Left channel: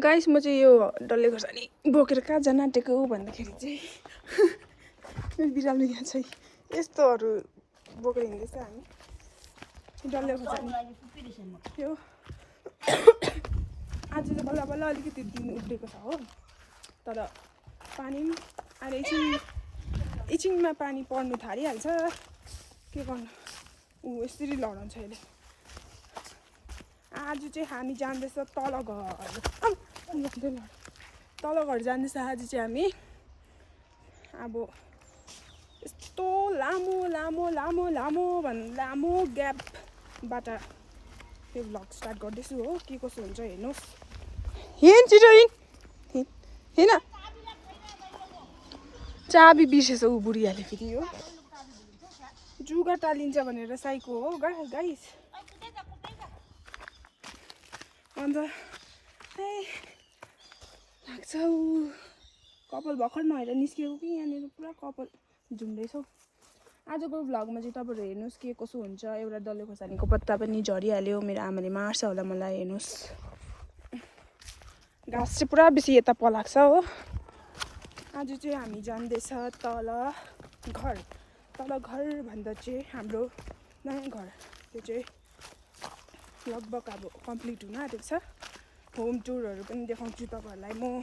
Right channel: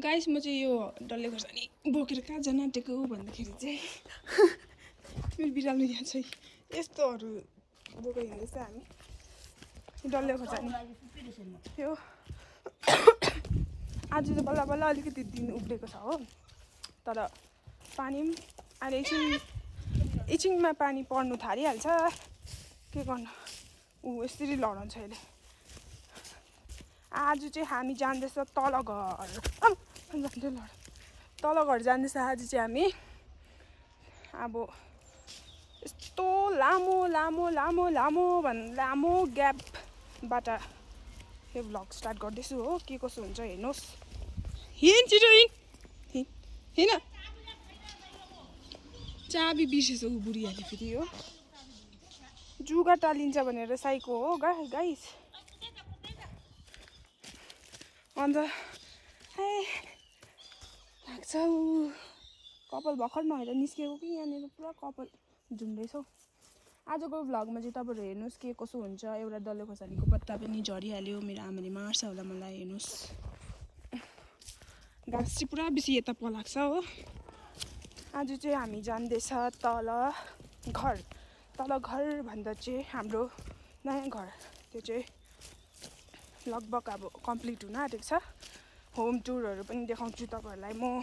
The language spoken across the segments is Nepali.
गाइस म चाहिँ यो डल्ले खोर्सानी बोकेर कहाँ जान आँटेको भन्दाखेरि चाहिँ मेरो बिरालो यहाँ चाहिँ यस्तोहरू बोकेर हिँड्दैछ हामी डल्ले खोर्सानी यो आज चाहिँ बल्ल बल्ल अलिकति दिन उब्रेको छ हो तर पानी पनि अहिले एकछिनमा पानी पर्नु थालिहाल्छ के गर्नु यसरी लडाउँछ अहिले आज चाहिँ हामी जाँदैछ तल घर जाँदैछ आज चाहिँ हामी अब यस्तो लामो ग्यापबाट यो भ्लग स्टार्ट गर्दैछु हो के कसो हुन्छ हेर्नुहोस् छिटो हिँड चाबी बिर्सेछ ऊ बुढीहरूले फेरि हो जुगा टालिन्छ भनेर साइको हो गाइस अन्त लाग्छ ऊ कपाल भर्खर नहेर निस्केको कि यहाँनिर पुरा कपाल झुन्दैछ आजको भ्लगमा चाहिँ तपाईँहरू हेर्नुहोस् के कसो हुन्छ एउटा डल्ले खोर्सानीको पत्ता पनि झरिहाल्यो मेरो आमाले मार्छ होला मलाई हेर्नुहोस् घाँस चाहिँ पुरा बेसी यता पलाएको छ हो आज चाहिँ हामी जाँदैछ तल घर भन्दा चाहिँ हाम्रो नयाँ घर त्यो चाहिँ लगभग अब कम्प्लिट हुन आँटेको छ होम टुरहरू पनि देखाउँछु तपाईँहरूलाई म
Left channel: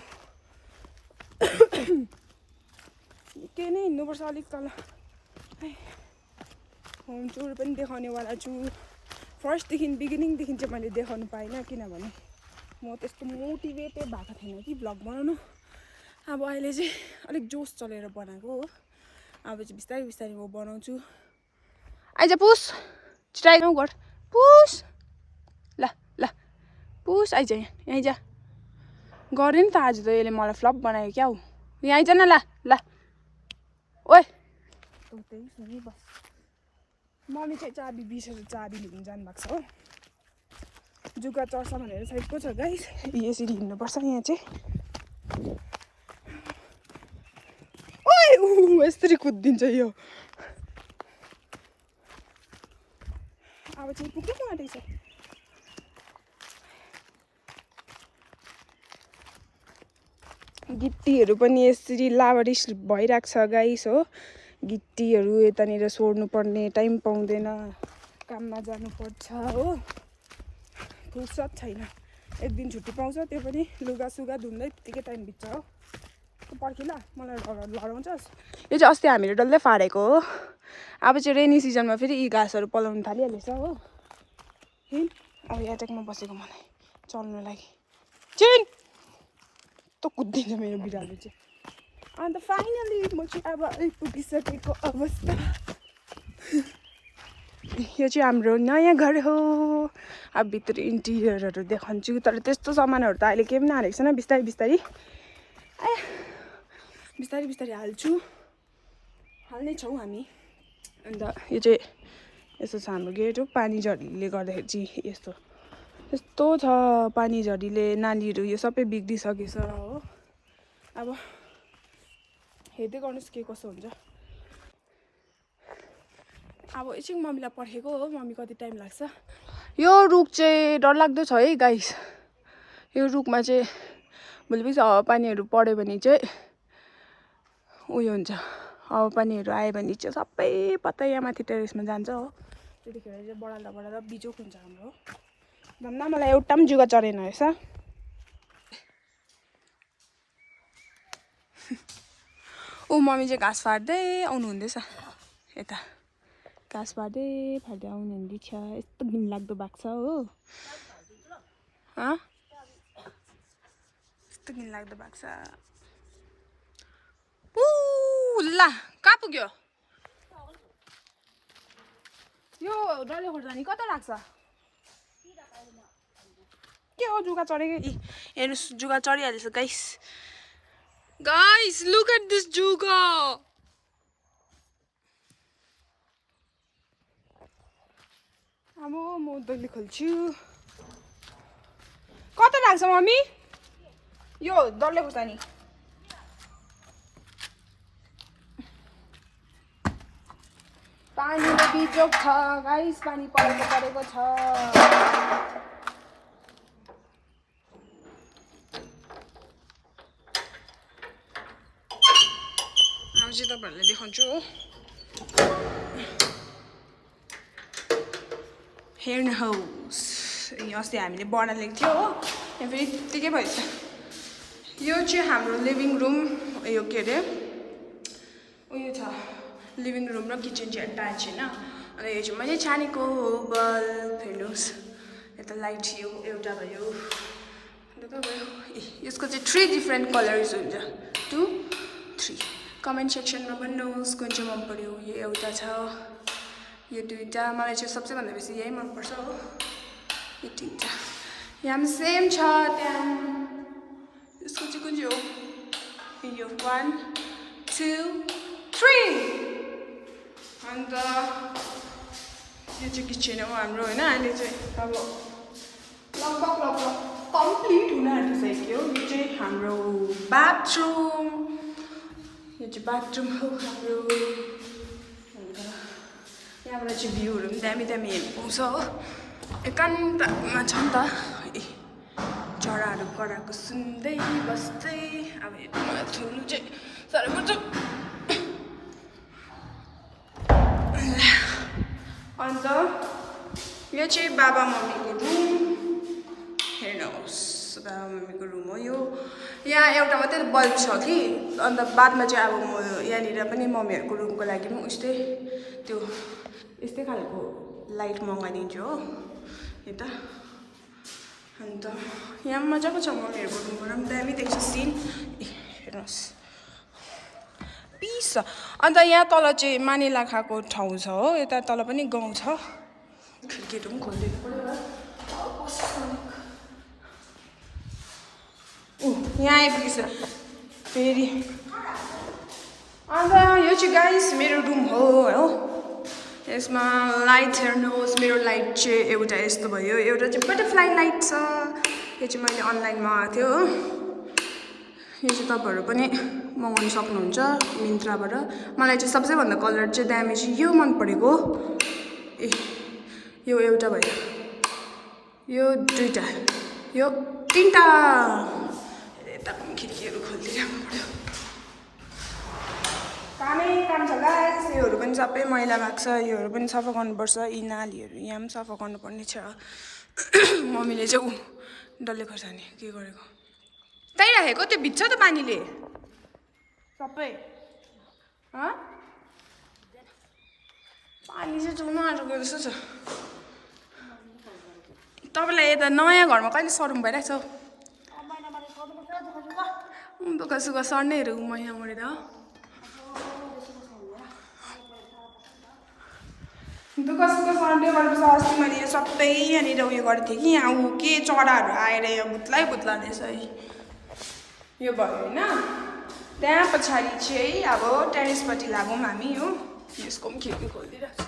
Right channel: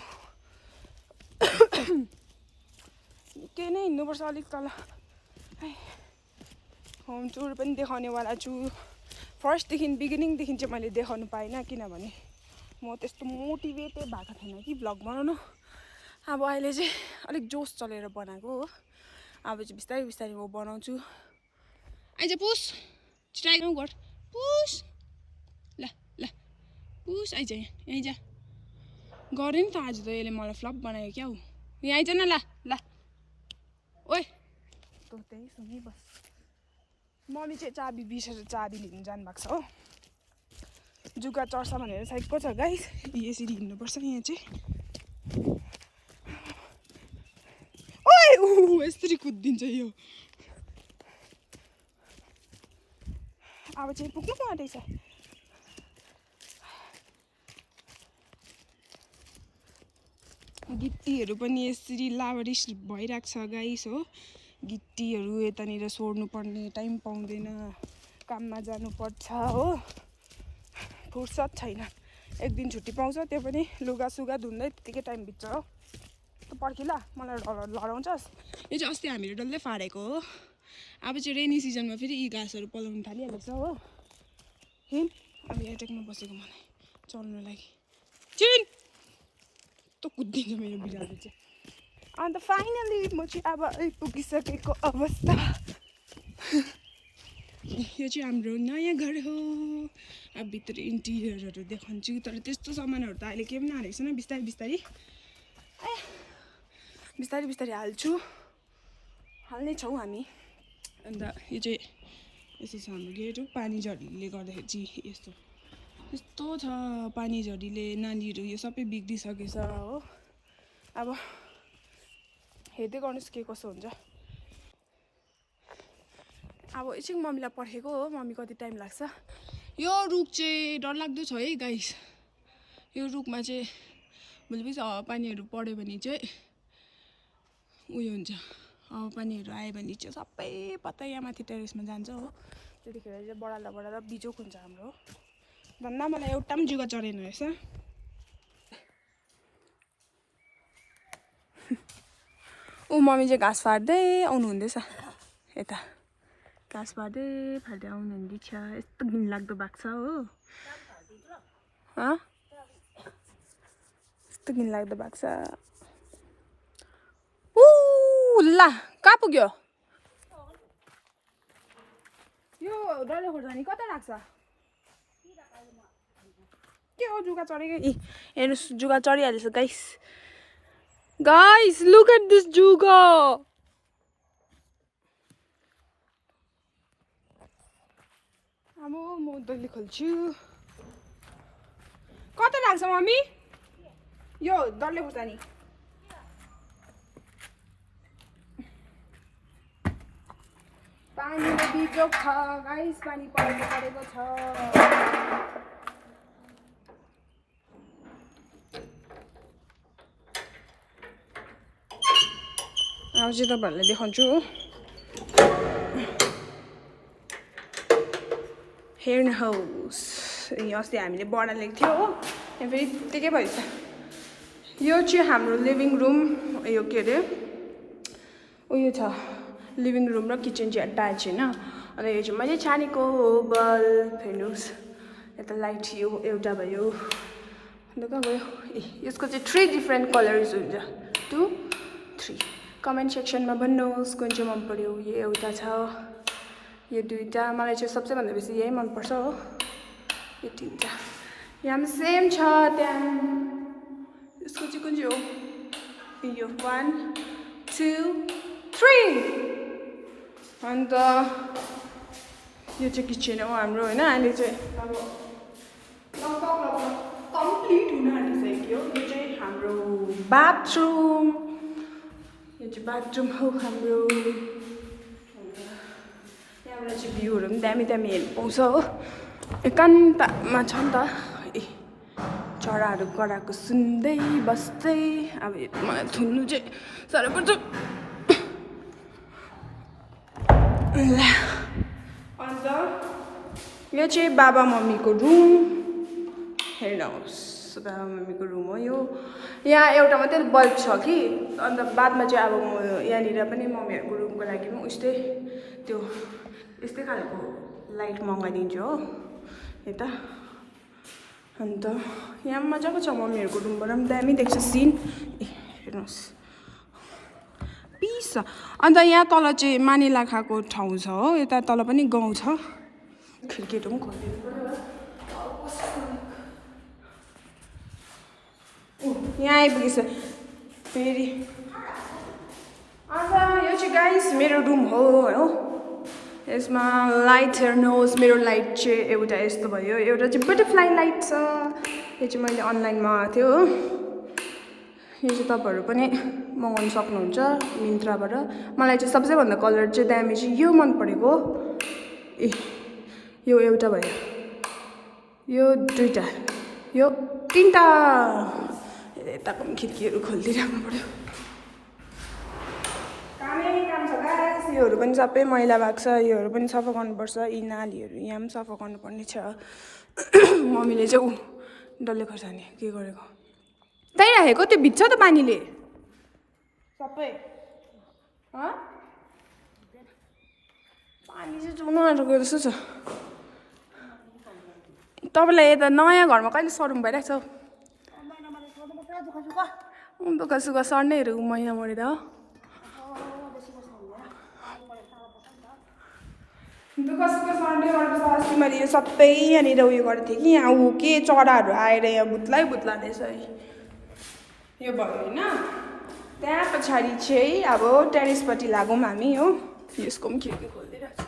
के नै हिँड्नुपर्छ अलिक तल होम टुर पनि देखाउनेवाला छु फर्स्टदेखि बिगिनिङदेखि चाहिँ मैले देखाउनु पाइनँ किनभने म त्यस्तो मोटिभेटेड भएको थिएन कि भ्लग बनाउनु अब अहिले चाहिँ अलिक जोस चलेर बनाएको हो अब चाहिँ बिस्तारै बिस्तारै म बनाउँछु आइज पुस छिटो गर पुस ल पुस आइज यहाँ जा गऱ्यो नि त आज त यसले मलाई फ्लप बनायो क्या हो यहाँ आइज न ल ओए तँ त्यही सुनि बस मम्मी चाहिँ चाबी बिर्सेर चाबी लिनु जानुभएको छ हो जुगा चढ्छ भनेर साइडको छ गाइस यसरी हिँड्नुपर्छ यहाँ चाहिँ ओए यसरी कुद्दिन्छ यो अब चाहिँ पुग्नु आँटेछ गिट्टीहरू पनि यसरी लावारिस भइरहेको छ गाइस हो गिट्टीहरू यतानिर सोर्नु पर्ने टाइम पाउँदैन काममा जानुपर्छ हो फुर्सद छैन एक दिन छुट्टी पाउँछ त्यो पनि लुगा सुगा धुँदै त्यतिकै टाइम बित्छ हो पर्खिला मलाई लडाउँछस् यो चाहिँ अस्ति हामीले डल्लै फाडेको हो अब चाहिँ रेनी सिजनमा फेरि यी घाँसहरू पलाउनु थालिहालेछ हो हिँड अब एट्याकमा बसेको मलाई चल्नु लागि चिन त कुद्दिन्छ मेरो बिरालो चाहिँ अन्त फाइनली म चाहिँ अब आइपुगिसकेको अवस्था यो चाहिँ हाम्रो नयाँ घर हो अब भित्र इन्टिरियरहरू देखाउँछु तर त्यस्तो सामानहरू त अहिले केही पनि हालेको छैन बिस्तारै बिस्तारै हाल्ने छौँ हामी अन्त यो चाहिँ यस्तो छ हाम्रो गेट हो पानी झरीले गर्दाखेरि चाहिँ यस्तो छ पानी झरीले नालीहरू यो सबै बिग्रिसकेछ हो अब हेर्दै गर्नुहोस् के कसो हुन्छ अब एकछिन मम्मीलाई पर्खेको हो मम्मी कति टाइम लाग्छ यो रुख चाहिँ डरलाग्दो छ है गाइस यो रुखमा चाहिँ भोलिपछि हावापानीहरू पऱ्यो भने चाहिँ उयो हुन्छ हावापानीहरू आयो भने चाहिँ सबै पत्ता यहाँ माथि टेरेसमा जान्छ हो त्यतिखेर चाहिँ बढाल्दा बिजोक हुन्छ हाम्रो भन्दा मलाई एउटा पनि जुगा चढेन रहेछ ऊ मम्मी चाहिँ घाँस फाट्दै आउनु हुँदैछ यता घाँस फाट्दै आउनु हुँदैछ यस्तो घिनलाग्दो भएको छ हो यस्तो घिनलाग्दो भएको छ ल कहाँ पुग्यो यो डल्ले खोर्सानी कता लाग्छ के हो जुगा चढेको हेर्नुहोस् जुगा चढिहालेछ गाइस लुक एट दिस जुगा अब म डल्ले खोल्छु कता लाग्छ मम्मी यो डल्ले खोर्सानी पानीले बिजोक छ गाइस पानी परेको छ अब चाहिँ तपाईँहरूलाई देखाउँछु हेर्नुहोस् अस्ति हामीले बडा ल्याएको थियो हो यहाँ फेरि त्यतिकै भएछ यो चाहिँ हाम्रो लिभिङ रुम यो के अरे उयो छ लिभिङ रुम र किचन चाहिँ अट्याच होइन अनि यो चाहिँ मैले छानेको बल्ब हेर्नुहोस् यता लाइट यो एउटा भयो अन्त कहाँ भयो ए यसको चाहिँ 3 डिफ्रेन्ट कलर्स हुन्छ 2 3 कमेन्ट सेक्सनमा भन्नुहोस् कुन चाहिँ मन पर्यो यो एउटा छ यो दुईटा मलाई चाहिँ सबैभन्दा बेसी यही मनपर्छ हो यो तिनटा यहाँ पनि सेम छ त्यहाँ यसको चाहिँ कुन चाहिँ हो यो 1 2 3 अन्त यो चाहिँ किचन हो हाम्रो होइन अहिले चाहिँ अब लगभग कम्प्लिट हुन आँटिसक्यो यो चाहिँ हाम्रो बाथरुम यो चाहिँ बाथरुम हो हाम्रो यहाँबाट चाहिँ भ्यूहरू पनि दामी दामी हेर्नु पाउँछ हो एकान्तमा छ नि त ए चराहरू कराएको सुन्दै बस्दै अब मलाई खेल्नु चाहिँ साह्रो पर्छ अन्त यो चाहिँ बाबा मम्मीको रुम हेर्नुहोस् बाबा मम्मीको रुम हो यो यहाँ एउटा मात्रै बल्ब छ कि अन्त बादमा चाहिँ अब म यहाँनिर पनि मम्मीहरूको रुमको लागि पनि उस्तै त्यो यस्तै खालको लाइट मगाइदिन्छु हो यता अन्त यहाँ मजाको छ मम्मीहरूको रुमबाट पनि दामी देख्छ सिन ए हेर्नुहोस् पिस छ अन्त यहाँ तल चाहिँ मानेलाखाको ठाउँ छ हो यता तल पनि गाउँ छ खिड्कीहरू पनि खोलिदिनु पर्यो यहाँ आइपुगेछ फेरि अन्त यो चाहिँ गाइस मेरो रुम हो यसमा लाइट हेर्नुहोस् मेरो लाइट चाहिँ एउटा यस्तो भयो एउटा चाहिँ बटरफ्लाई लाइट छ यो चाहिँ मैले अनलाइन मगाएको थियो हो यो चाहिँ तपाईँहरू पनि मगाउनु सक्नुहुन्छ मिन्त्राबाट मलाई चाहिँ सबैभन्दा कलर चाहिँ दामी चाहिँ यो मन परेको ए यो एउटा भयो यो दुईटा यो तिनटा यताको पनि खिड्कीहरू खोल्दै जानु पर्यो कामै काम छ गाइस योहरू पनि सबै मैला भएको छ योहरू पनि सफा गर्नुपर्छ यी नालीहरू यहाँ पनि सफा गर्नुपर्ने छ मम्मीले चाहिँ ऊ डल्ले खोर्सानी के गरेको त्यहीँ राखेको त्यो भिज्छ त पानीले सबै पानी चाहिँ चुनु आँटेको जस्तो छ तपाईँलाई यता नयाँ घरमा कहिले सरुम भइरहेको छ दुःख सुख सर्नेहरू महिना मरेर हो दुःख सुख सर्ने गर्नुपर्छ अस्ति मैले यो सबै यहाँनिर उयो गरेको थिएँ कि यहाँ ऊ के चराहरू आएर यहाँ भुत्ला रहेछ है यो भयो होइन त्यहाँ पछाडि चाहिँ अब टेरेसपट्टि लागौँ हामी हो यसको पनि खिड्की खोलिदिइरहेको छ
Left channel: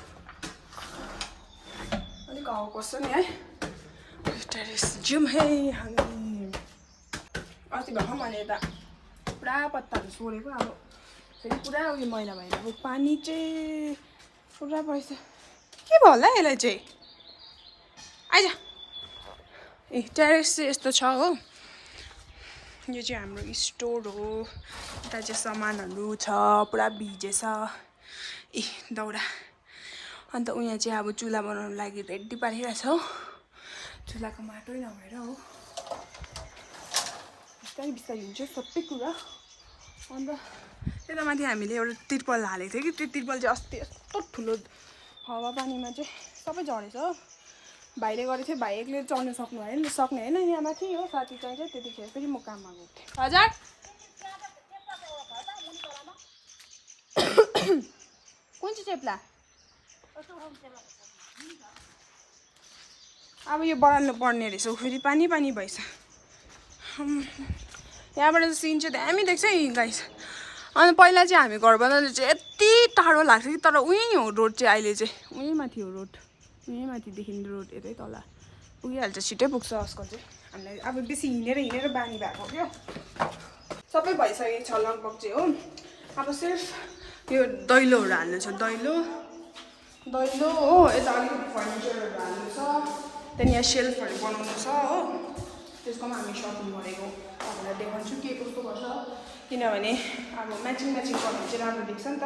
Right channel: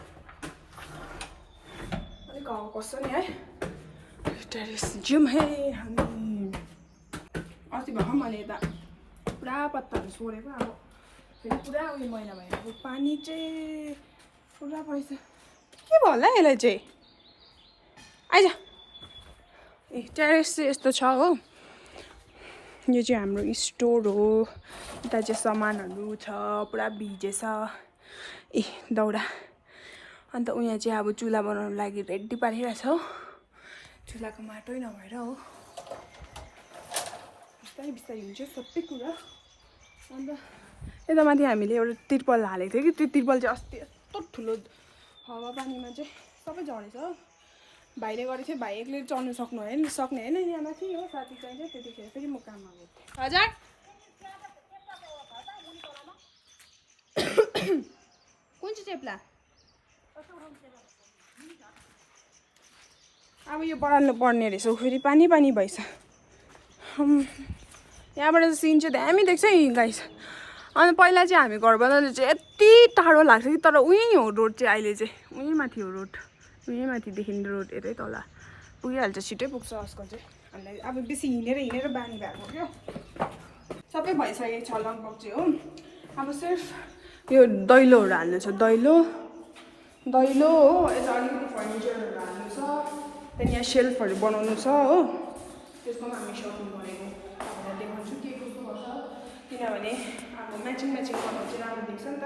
अलिक हावा पस्छ नि है टेरेस जाउँ है हामी अस्ति भर्खर मैले यता पुरा पत्ताहरू सोरेको अब फेरि पुरा उयो मैला भएर अब पानी चाहिँ पुरा पैसा के भयो होला यसलाई चाहिँ आइज ए टेरेस चाहिँ यस्तो छ हो यो चाहिँ हाम्रो स्टोर हो यता चाहिँ सामानहरू छ पुरा भिजेछ ए दाउरा अन्त उहाँ चाहिँ अब चुल्हा बनाउनु लागि रेडी पारिरहेको छ हो चुल्हाको माटै नभएर हो बिस्तारै बिस्तारै हुन्छ सबै कुरा अन्त यता माथि हामीले एउटा तिर्पल हालेको थियो कि त्यो तिर्पल चाहिँ अस्ति यस्तो ठुलो हावापानीमा चाहिँ सबै झरेछ हो भाइले गरेको थियो भाइ एक्लै चढ्नु सक्ने होइन यहाँ माथि हो साथी चाहिन्छ त्यतिखेर फेरि म काममा गएको थिएँ हजुर कुन चाहिँ चेप्ला अब यो बढाल्नु पर्ने रहेछ फेरि पानी भएछ यहाँबाट सिन चाहिँ दामी देख्छ है गाइस अनि पहिला चाहिँ हामी घर बनाउँदा चाहिँ यति टाढो लाग्थ्यो कि तर उहीँ हो रोड चाहिँ अहिले चाहिँ उहीँ माथि हो रोड उहीँ माथिदेखि रोड यतै तल पुगिहाल्छ छिटै पुग्छ आजकल चाहिँ हामीलाई अब बेसी हिँडेर बानी भएको क्या सबै भइसकेको छ लगभग चाहिँ हो अब सिर्फ यो दैलोहरू हाल्नु छ दैलो हो यता अलिकति फर्निचरहरू हाल्नु छ त्यहाँदेखि यहाँ सेल्फहरू बनाउनु छ हो त्यसको पनि हामी सक्नु भनेको तपाईँलाई देखाउँछु के कस्तो गर्छ किनभने अब म्याचिङ गर्नु चाहिँ राम्रो देख्छ नि त।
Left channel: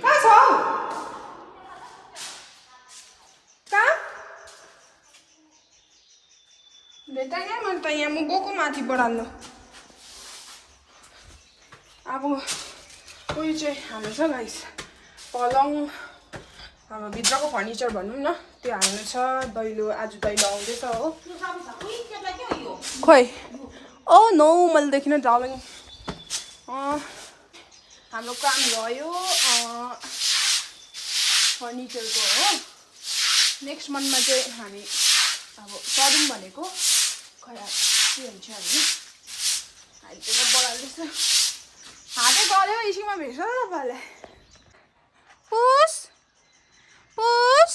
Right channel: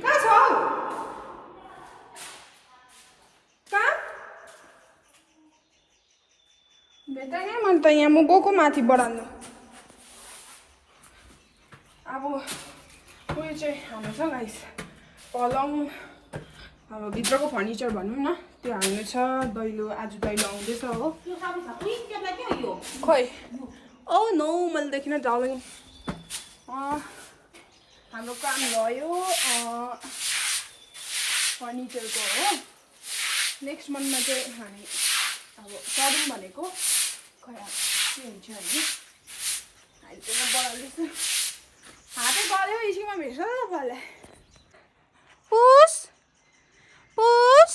कहाँ छ हौ? कहाँ भेटाएँ मैले त यहाँ म गएको माथि बढाल्नु। अब उयो चाहिँ हाल्नु छ गाइस, पलङ अब भित्रको फर्निचर भनौँ न त्यो हाल्नु छ। दैलो आज दैलो आउँदैछ हो। खोइ ओ नो मैले देखिनँ डार्लिङ। हाम्रो काम भयो फर्निचरको हो। नेक्स्ट मन्थमा चाहिँ हामी अब सरौँ भनेको, खै के हुन्छ हामी। अहिले चाहिँ म बढाल्दैछु। हातै गऱ्यो इसिङमा भेट्छ त तपाईँलाई। पुस पुस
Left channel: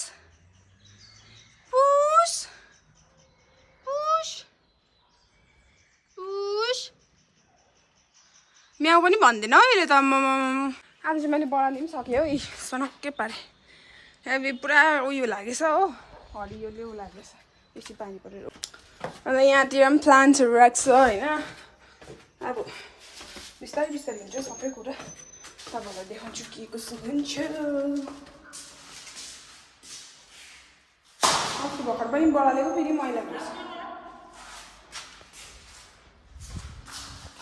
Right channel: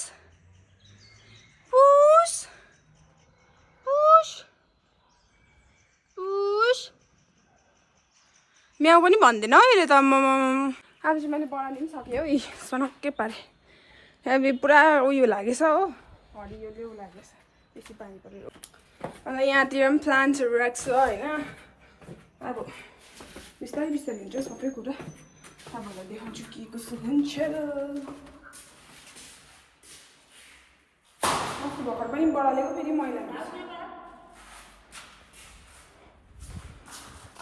पुस पुस पुस म्याउ पनि भन्दैन हौ यसले त। आज चाहिँ मैले बढाल्नु पनि सकेँ हौ। सनक्कै पारेँ। अब पुरा उयो लागेछ हो, हरियोले लागेछ बेसी पानी परेर। अन्त यहाँतिर पनि प्लान्ट्सहरू राख्छ होइन। अब बिस्तारै बिस्तारै हुन्छ सबै कुरा। तपाईँहरूलाई देखाउँछु के कसो हुन्छ। अस्ति भर्खर पनि बढालेको फेरि मैला भएछ।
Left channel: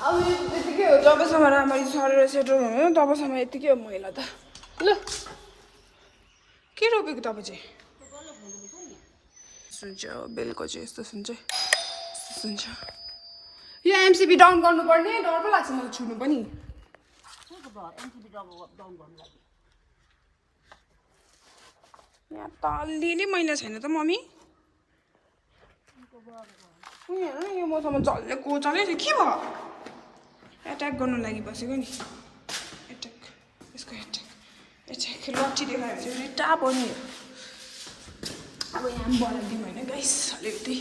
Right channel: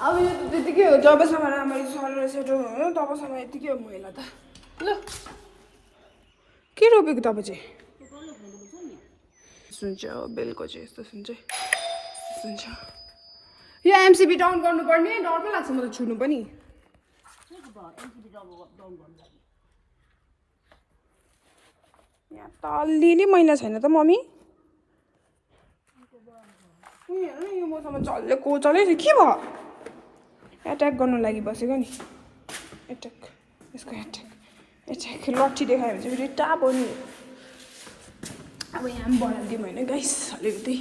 अब यो त्यतिकै हो, जबसम्म राम्ररी सरेर सेटल हुनु तबसम्म यतिकै हो मैला त। ल के रोपेको तपाईँ चाहिँ? सुन्छ बेलको चाहिँ यस्तो सुन्छ सुन्छ। यो एमसिबी डाउन गर्नुपर्ने, डर पो लाग्छ मलाई छुनु पनि। यहाँ त अलिअलि मैला छैन त मम्मी? उयो हेर्नु न यो मसँग जसले कोचले के भयो? एट्याक गर्नु लागि बसेको नि। एट्याक यसको एट्याक एट्याक लट्ठी देखायो भने चाहिँ फेरि टाप हो नि। अब यहाँ पनि बनाइदिउँ होइन गाइस अलिकति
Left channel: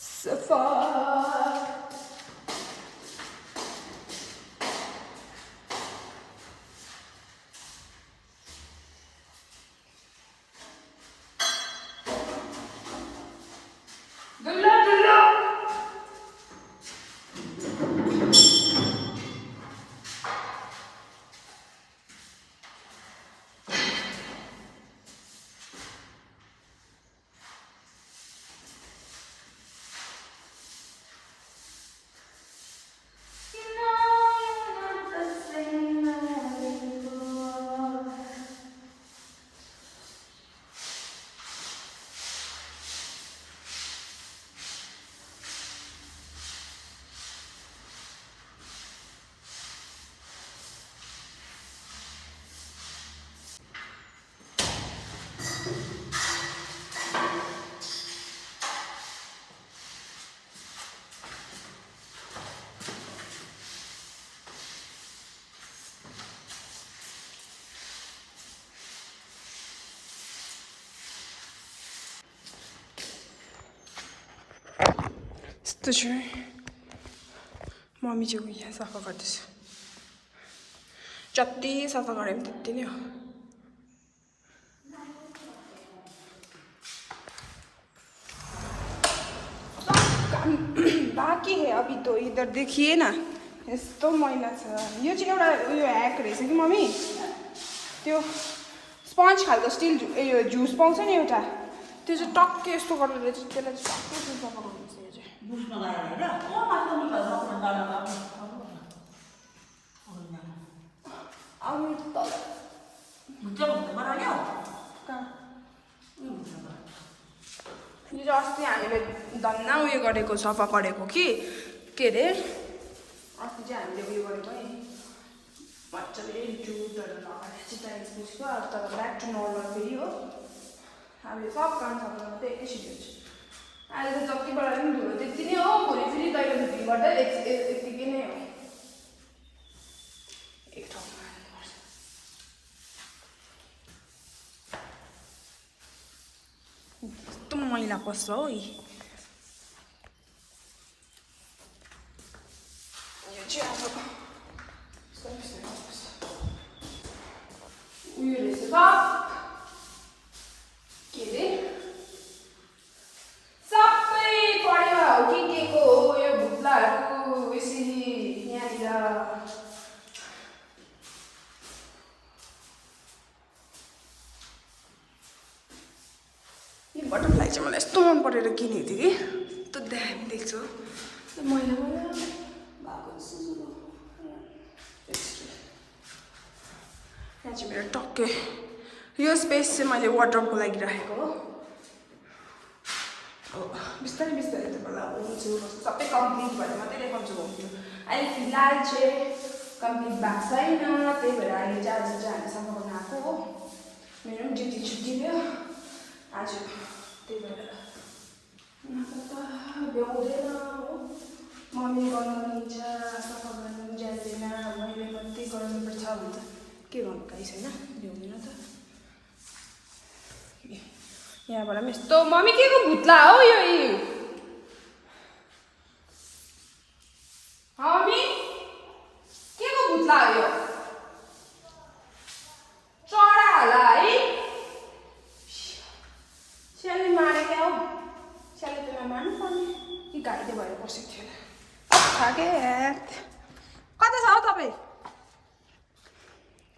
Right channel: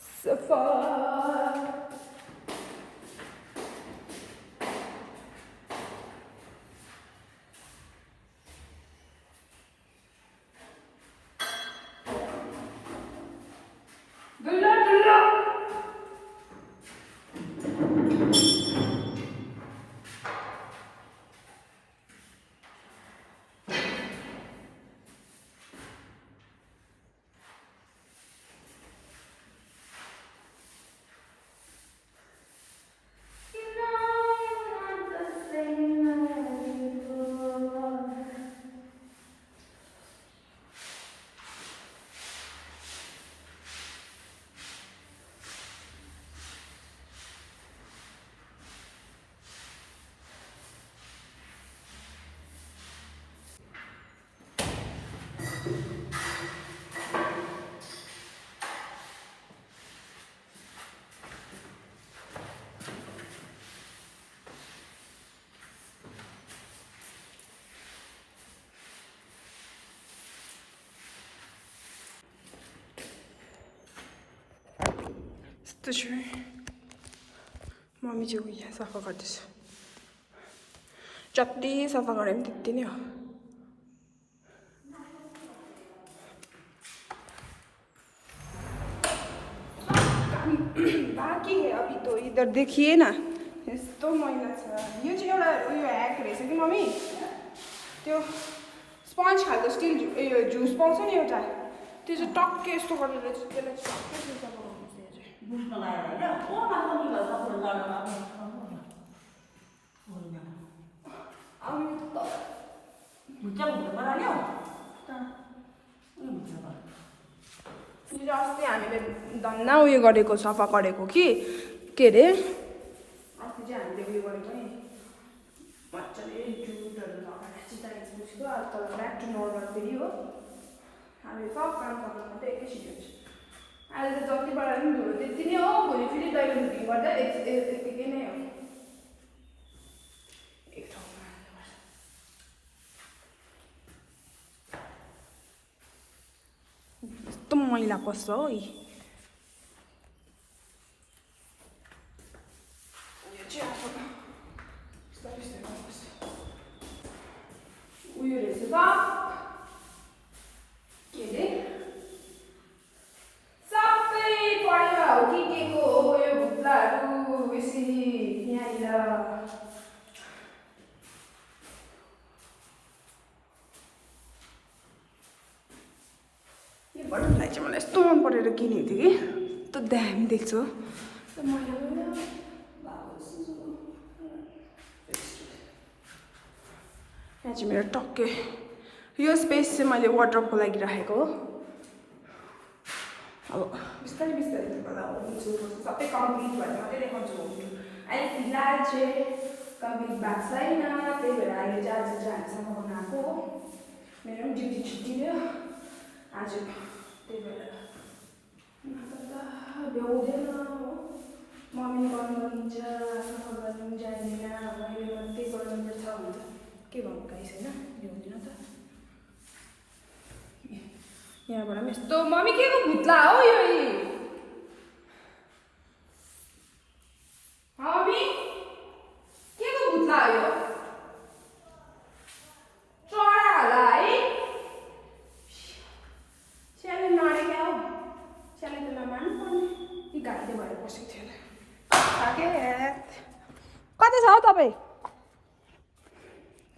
सफा। यस्तो छु मम्मी चाहिँ यहाँ सफा गर्दैछ। जति सफा गरे पनि त्यति नै हो। बाँकी है अभी तो इधर देखिए ना यस्तो मैला छ। यो चाहिँ एउटा उयो ह्याक रहेछ कि मम्मी, त्यो स्पन्ज खालको स्टिल उयो जुस पाउँछ नि एउटा, त्यो चाहिँ टक्कै यस्तो गरेर त्यसलाई टक्कै सफा गर्नुपर्छ। यो चाहिँ यो अस्ति हामीले धन्न उयो गरेको सफा गरेको कि के अरे अस्ति चाहिँ हामीले उयो गरेको नि मजाले दुधहरू लगाएर चिताएपछि तर ब्याक टु नर्मल फेरि हो। हामीले सब काम सफा गर्नु त एकैछिन हुन्छ। अहिले त जतिबाट पनि धुलो त्यति नै हो, भोलि फेरि दैलो बुकिङ गर्दा यतिकै नै हो। एक ठाउँमा हाल्नुपर्छ। यस्तो मैला पस्छ हो। यो चाहिँ अब उयो रहेछ त के अरे सबै परेवा हो कि के को मलाई यस्तो मन परेर किनेको थिएँ कि त्यो दामी देख्छु मैले यहाँ चाहिँ मेरो टक्कै यो स्पेस चाहिँ मैले वार्डरोबको लागि राखेको हो अब बिस्तारै बिस्तारै तपाईँलाई आउँछु सबै कम्प्लिट भएर मात्रै देखाउँछु अहिले फिलहाल चाहिँ कम्प्लिट भएको छैन त्यही भएर अहिले चाहिँ आज चाहिँ हामी सफा गर्न आएको हो मेरो पनि ड्युटी छुट्टी भयो आज त्यही भएर भ्याउँदैन मम्मी गर्नु दिन्छ सफा गर्नु जान्दैन मैले मात्रै गर्नुपर्छ भन्छ के गर्नु गाइस होइन भ्याउँदैन त यहाँबाट पनि यस्तो मम्मी के को भुत्ला हो यो मम्मी के को भुत्ला हो यो चरा होला है स्याले मारे क्या हो स्याले त नमार्नु पर्ने कि घाइते भएर बसेको थियो कता छ हौ तपाईँ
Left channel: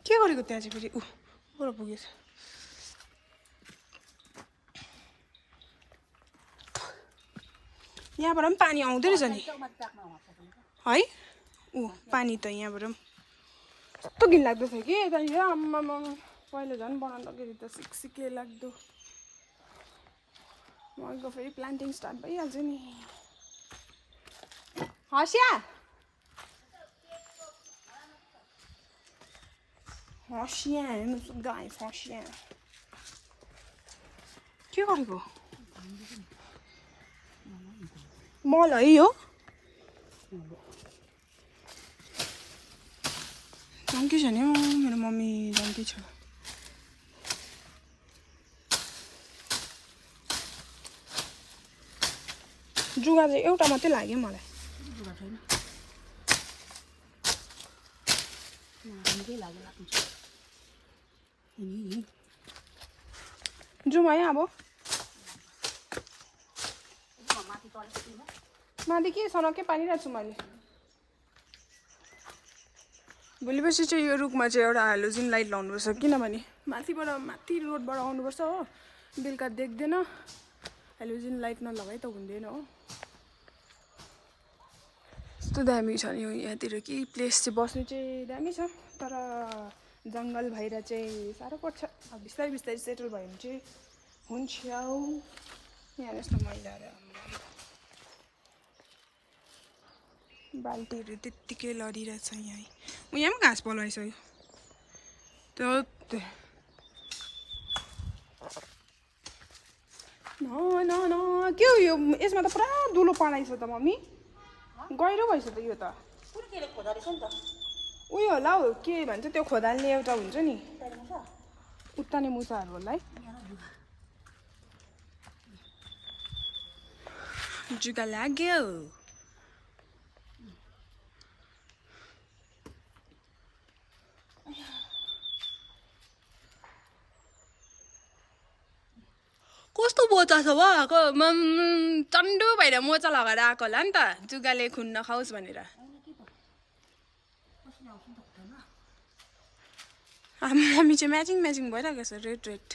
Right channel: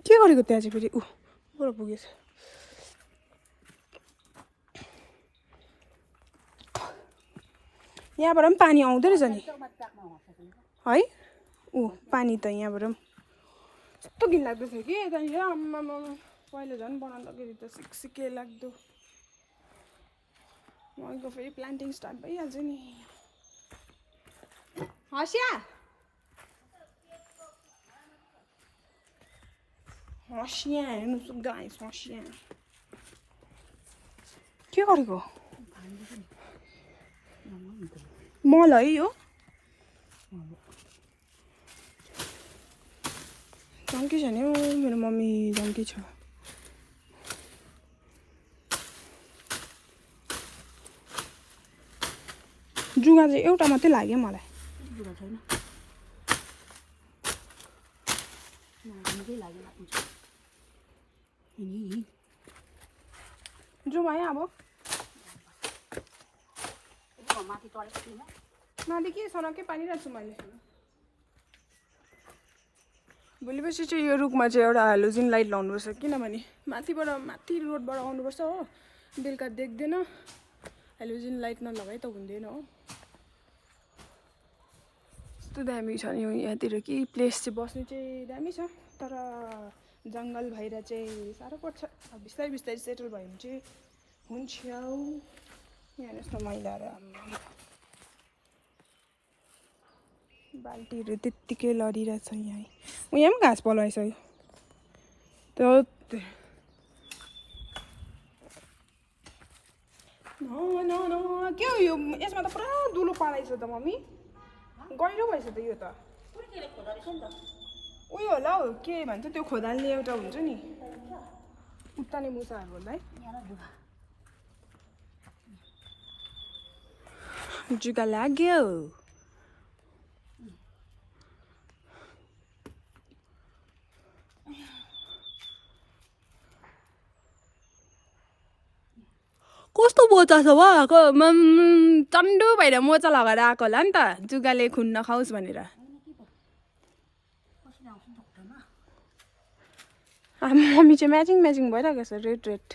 के गरेको त्यहाँ चाहिँ फेरि ऊ पुगेछ यहाँबाट पनि पानी आउँदो रहेछ नि है पानी त यहाँबाट पनि कस्तो घिनलाग्दो थियो कि यतानिर आम्मामा पहिला झन् बनाउँदाखेरि त सिक्सिके लाग्दो मको फेरि प्लान्टिङ स्टार्ट भइहाल्छ नि हँसिया हँसिया हेर्नु गाई हँसिया के गरेको मलाई हो जङ्की छ नि हौ मेरो मम्मी जङ्की छ जुगा चाहिँ एउटा मात्रै लाग्यो मलाई जुगा छैन जुमा है अब माथि के सनकै पारिरहेको छु मैले भोलि पर्सि चाहिँ यो रुखमा चाहिँ एउटा हेलोजिन लाइट लाउनुपर्छ किनभने माथि रोडबाट आउनुपर्छ हो बेलुका देख्दैन हेलोजिन लाइट नलगाइ त हुँदैन हो यस्तो दामी छ नि यहाँतिर कि प्लेस चाहिँ बस्नु चाहिँ दामी छ तर जङ्गल भएर चाहिँ साह्रो पर्छ अब बिस्तारै बिस्तारै सेटल भयो भने चाहिँ हुन्छ यहाँ यस्तो मैलाहरू बाल्टीहरू त्यत्तिकै लडिरहेछ यहाँ पनि घाँस पलाइसक्यो त्यो न के हो यो यसमा त पुरा दुलो पलाइछ त मम्मी गहिरो भएछ त यो त उयो होला हौ के भन्छ त्यो खोदाल्ने एउटा हुन्छ नि उत्ताने मुसाहरू होला है जुगा लाग्यो कस्तो मोचा छ वा चन्डो भएर मोचा लगाएर आएको होला नि त जुगाले खुन नखाओस् भनेर मम्मी चाहिँ म्याचिङ भइरहेको छ रेड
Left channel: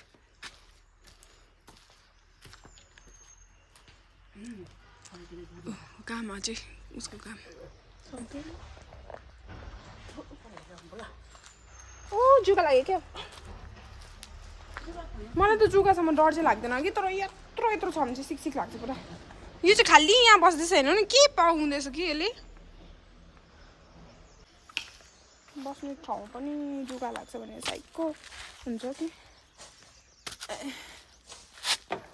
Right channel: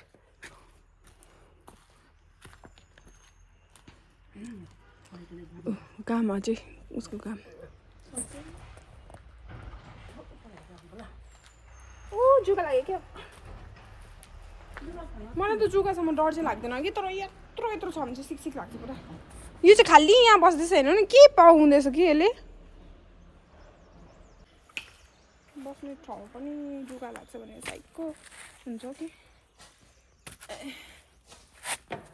काम अझै उसको काम जुगा लाग्यो क्या मलाई त जुगासम्म डर चाहिँ लाग्दैन कि तर यत्रो छ भने चाहिँ सिक लाग्छ पुरा यो चाहिँ खालि यहाँ बस्दैछ हेर्नु नि के पाउँदैछ कि यसले बस्ने ठाउँ पनि जुगा लाग्छ भने साइकको हुन्छ कि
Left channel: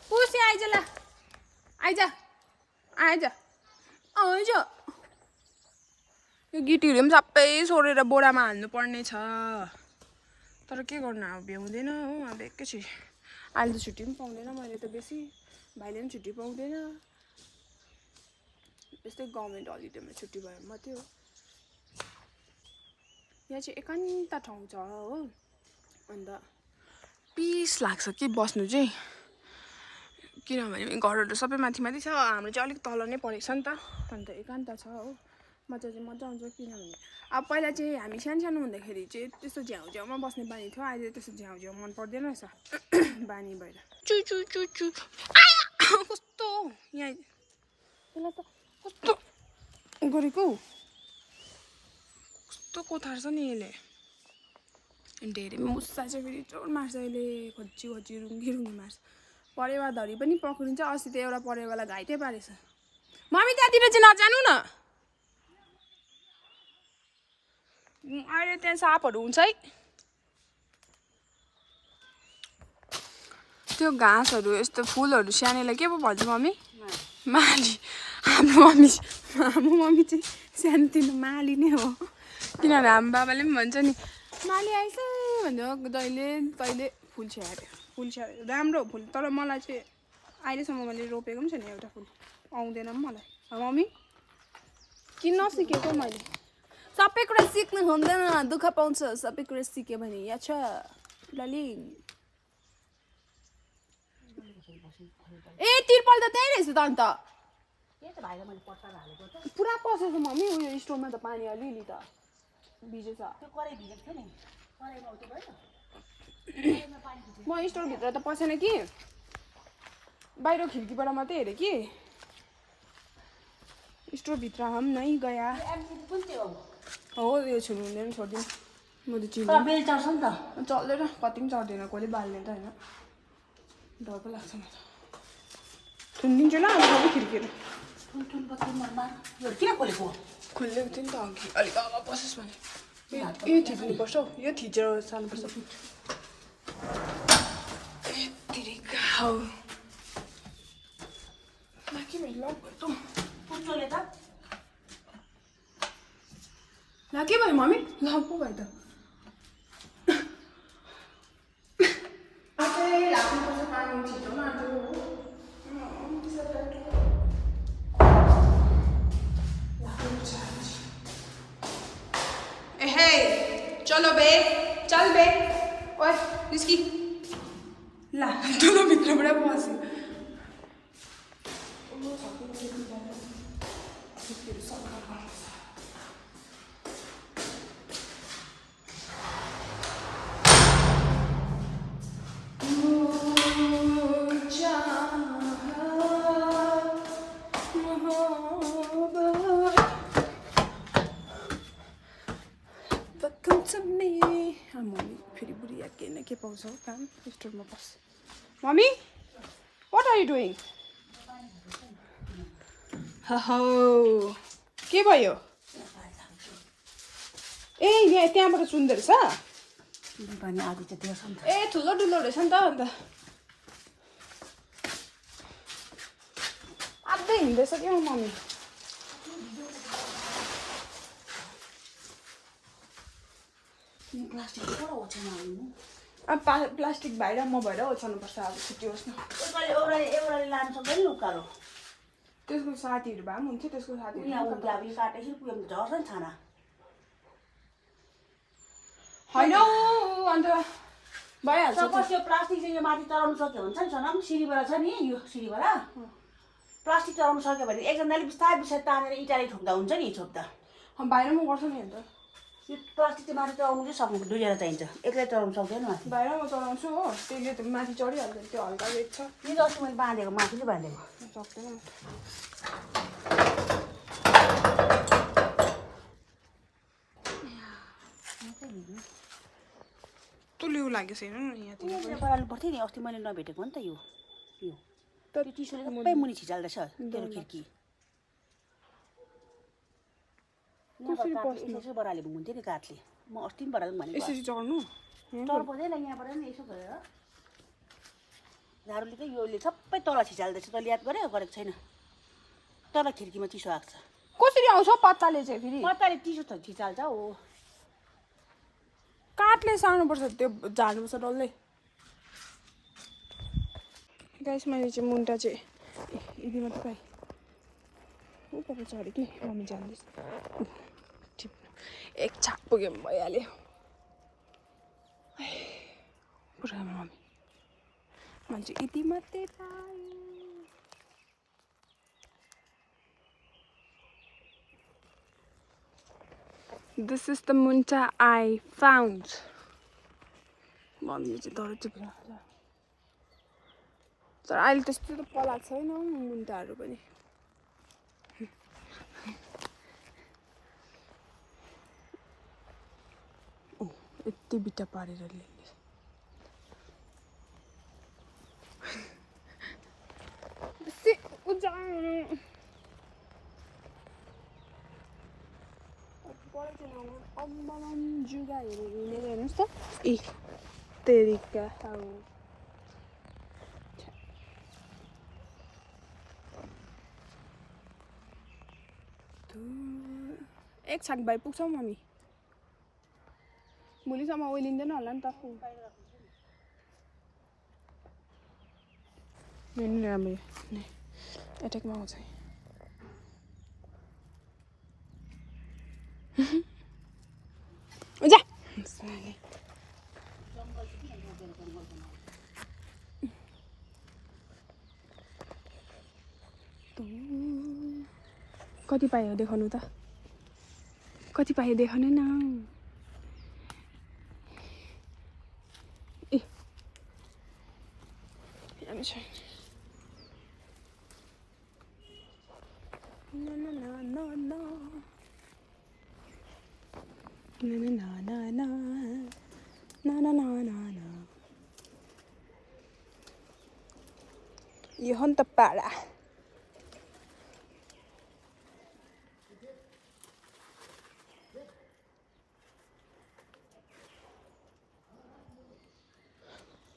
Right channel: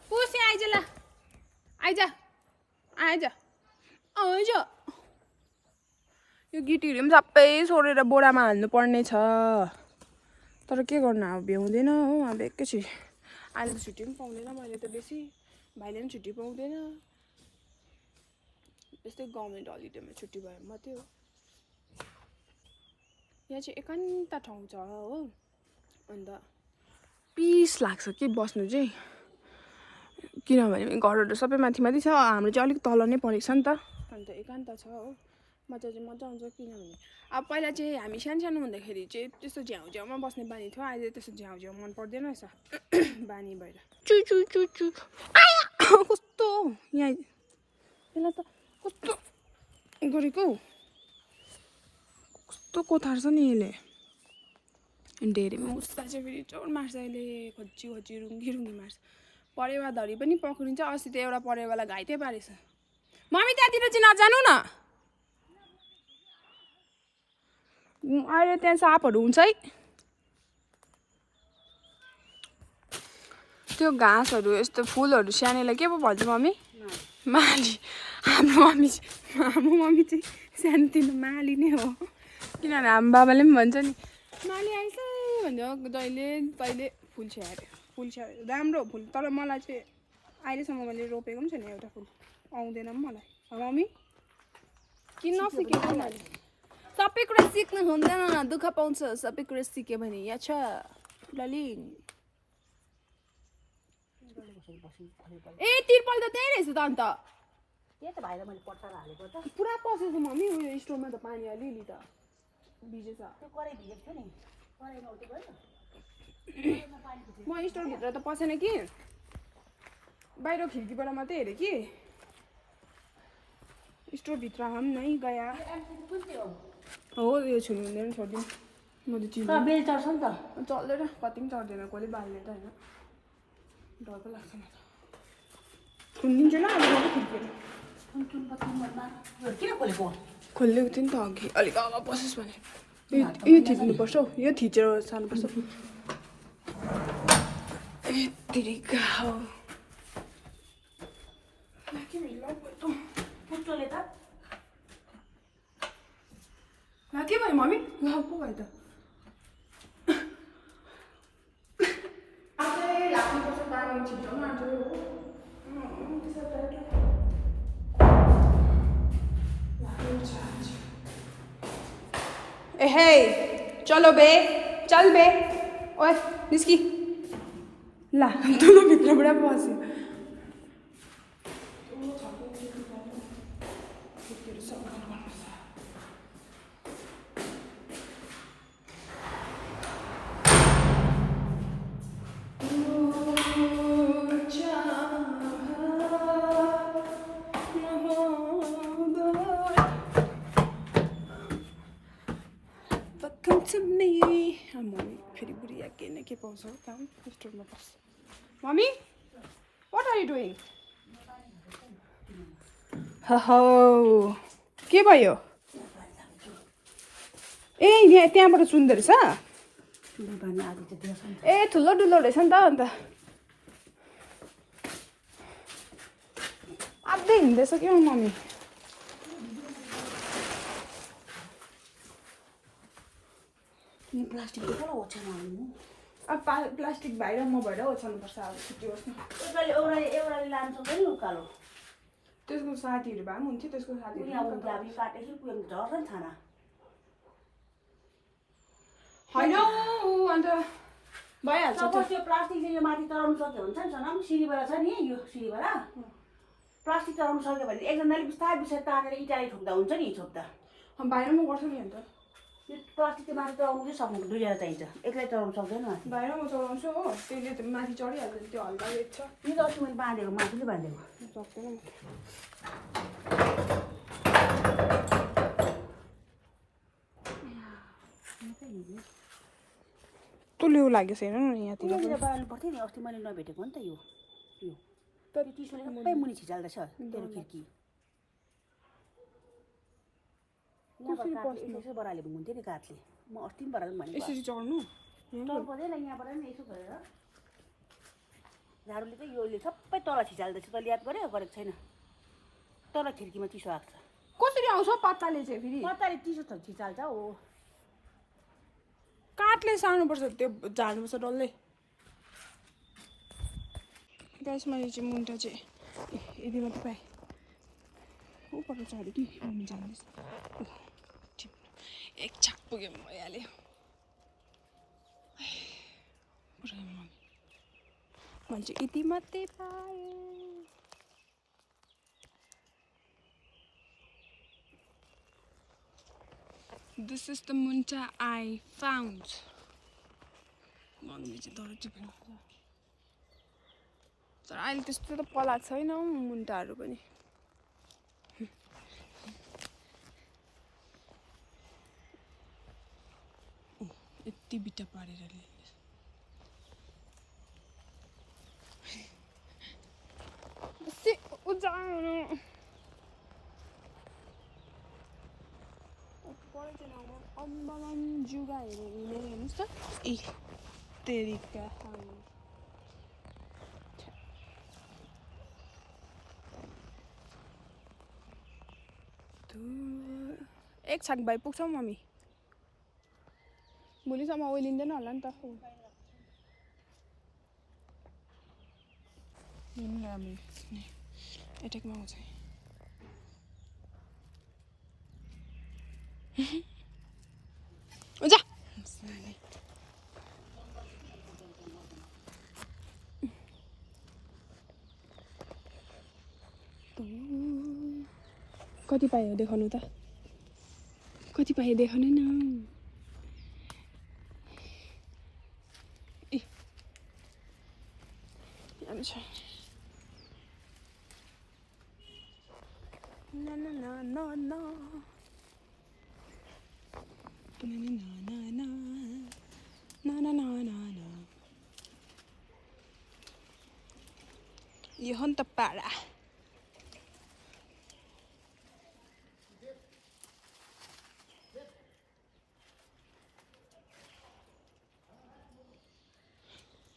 पुसी आइज ल आइज यो गिटीहरू पनि सबै सोरेर बोरामा हाल्नु पर्ने छ तर के गर्नु अब भ्याउँदैन हो अब एकैछिन अहिले त छुट्टी पनि पाउँदैन मैले त बेसी भाइले पनि छुट्टी पाउँदैन यस्तै गभर्मेन्ट हलिडेमा छुट्टी भयो मात्रै हो यहाँ चाहिँ एकान्त ठाउँ छ हो अन्त पिस लाग्छ कि बस्नु चाहिँ किनभने घरहरू सबै माथि छ हाम्रो चाहिँ अलिक तल नै परेको छ नि त अन्त एकान्त छ हो मजा आउँछ किनभने अब पहिला चाहिँ हामी सानो हुँदाखेरि चाहिँ त्यस्तो झ्याउमा बस्ने बानी थियो अहिले त्यस्तो झ्याउ मन पर्दैन रहेछ बानी भएर चु कस्तो यहाँ यसलाई त कस्तो गरेको कस्तो कोथार्छ नि यसले धेरै मुसा चाहिँ फेरि जोड मार्छ यसले खोजी खोजी रुङ्गी रुङ्गी मार्छ परेवा धरी पनि पक्रिन्छ अस्ति त एउटा परेवालाई घाइते पारेछ मम्मी त्यहाँतिर चाहिँ नजानु न अहिले त्यहाँ सापहरू हुन्छ है त्यो घाँसहरू यस्तो फुलहरू सानैलाई के पो भन्छ मम्मी माली हाम्रो मम्मी चाहिँ सानोतिनो माली नै हो किनभने हाम्रो बाबाले पनि भन्छ नि माली आइस भन्छ तैले फुल स्याहार्यो राम्रो फुल तर मलाई चाहिँ अहिलेसम्म मैले रोपेको पनि छैन एउटा फुल आउँदैन पनि मलाई मम्मी किन नसिकेको मैले सबै कुरा सिक्नु हुँदैन दुःख पाउँछ सबै कुरा सिक्यो भने यहाँ छ ललिङ ए तिरपल त त्यही रहेछ त अन्त पुरा पसेछ मम्मी उयो स्टोरमा त पानी अलिअलि त भिजेछ म स्टोरभित्र त पसेन कि बाहिर खिड्कीबाट मात्रै हेरेँ कि स्टोरभित्र हम नै गया हो यो छुनु हुँदैन छोडिदिनु म त चिन्छु चल्दैन कति पनि चढ्दैन कसले बाल्ने त होइन डर पो लाग्छ म त सुनिदिन्छु ल अब खिड्कीहरू खोलेको थिएँ नि त अघि अलिक अगाडि पसेस् भने यो थिच्नुपर्छ हौ यो थिचेर साल्नुपर्छ के भयो मम्मी ल पो भयो त आजै लाग्नुपर्छ पानी छिटो माटो ए हे चलो बे चल बे ओए निस्की ला तँलाई भित्रबाट पस्यो फेरि बुढी के न के पाउँछ काम स्टोरमा बस mummy what are you doing हो के भयो ए यहाँ त्यहाँबाट सुन्दो रहेछ ए ठुलो ठुलो रहेछ नि त अन्त आजै हिँड्दैछ कि मम्मी प्लास्टिक भएर म भएर ओछ्याउनुपर्छ अब छुट्टी होस् न त्यसको साथीहरू भए पनि हुन्थ्यो त्यसको साथीहरू होइन अन्त भइहाल्छ त्यो प्लास्टिक चाहिँ माथि चढाउनु सक्यो भने छ नि सिँढीबाट छ नि यो सिँढीबाट प्लास्टिक चढाउनु सक्यो भने एकजनाले बिस्तारै बिस्तारै तानेर इँटाले ठोक्दा हुन्छ नि छोप्दा बाहिर म गर्छु नि अन्त प्लास्टिक चाहिँ माथि चढाउनु चाहिँ सक्नु दुईजना चाहिन्छ एक्लै चढाउनु सक्दैन माथि बाहिर म चढाउँछु हो त्यसले त माथि चढिहाल्छ त्यो हल्का वेट छ नि त अस्ति मैले बाँधेको माथिले बाँधेको सक्दैन तुल्यौ लागेको छैन यहाँतिर बढाउनु पर्थ्यो नि अस्ति मैले नभेटेको हो नि त यो टिसुले सबै मुनि छिचाल्दैछ तेरो खिड्की यसो बढाले हुन्थ्यो नि काठले म अस्ति पनि बढाउनु भनेको यसरी चढ्नु चढ पर्दैन यहाँबाट नि यसो गरेर झाडुले चाहिँ योले सबै तल छिचाल्दैछ तैँले याद गरेको छैन तल खिड्कीमा चिसो आएको छ कसरी आउँछ पत्ताले चाहिँ फेरि पत्ताले चिसो त छिचाल्छ हो काठले सार्नुपर्छ त्यो झार्नुपर्छ डल्लै गाइस मैले चाहिँ मुन्टा चाहिँ यदि मात्रै पाएँ ऊपर चढ्यो कि मम्मी जान्दैछ एक छाप पुग्यो भने भइहाल्यो पुरा मम्मी मान्छे यति मात्रै पाएँ This is the munta I found. Mummy चाहिँ तर टिपेर तर अहिले त्यस्तो त पलाएको छैन हौ मुन्टाहरू पनि। यति बिटा पारेर ल्याउने बेसी उजानु पढे चाहिँ अम्बलम जुगाहरू हिँडेको हेर्नुहोस् त। ए तेरिका एक छाक भाइ पुग्छौ मम्मी? भोलिसम्म ओइलिँदैन होला नि त। राम्रो एट्याकमा आउँछ। जा कति पायो देखाउनु त? कति पायो देखाउनु न। ए na na na na na na na na na na na na na na na यो हो नि त पारा।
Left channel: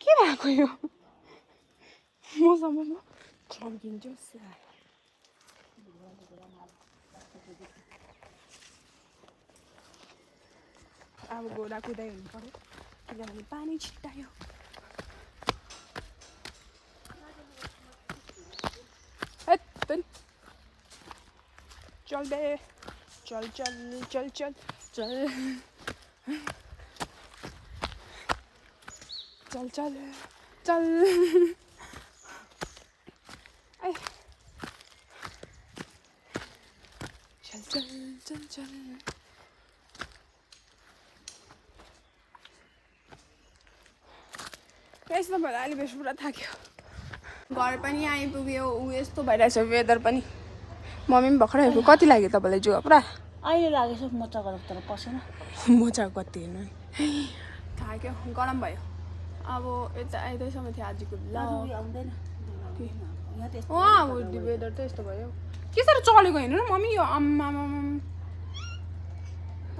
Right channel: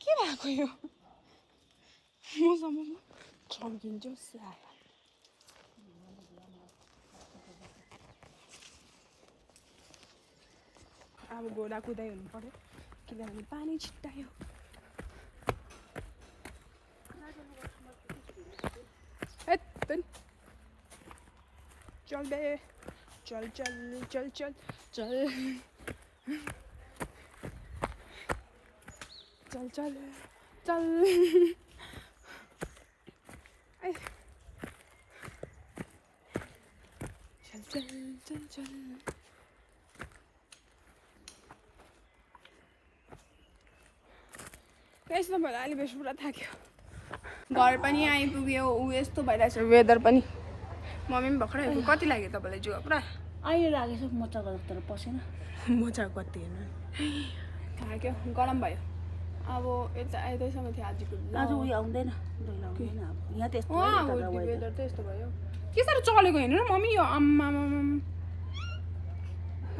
के भएको यो मसँग चम्किन्छ साला। अब घोडा कुदाइ हुनु पर्यो किनभने पानी छिट्टायो। चल दे चल चल चल चल चल चल चल चल चल चल चल चल यस्तो भएर अहिले बेसी पुरा थाक्यो। घर पनि आइपुग्यो ऊ यस्तो भइरहेछ वेदर पनि। मम्मी पनि भर्खरै आइपुग्यो। कति लाग्यो तपाईँलाई जुवा पुरा? अहिले लागेछ मोचाको तर पसेन। मोचा कति हेर्नु थाक्यो गरम भयो। अब यता आइदैसम्म थियो आजको आउँदैन अब वेदर त यस्तो भयो। के साह्रो चलेको हेर्नु न मम्मी यो आम्मा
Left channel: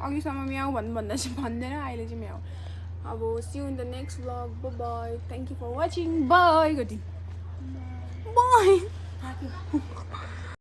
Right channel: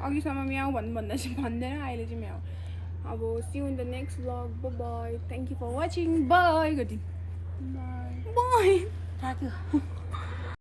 अघिसम्म म्याउ भन्दा चाहिँ भन्दैन अहिले चाहिँ म्याउ। अब see you in the next vlog. Bye thank you for watching. Bye गति बाई थाक्यो।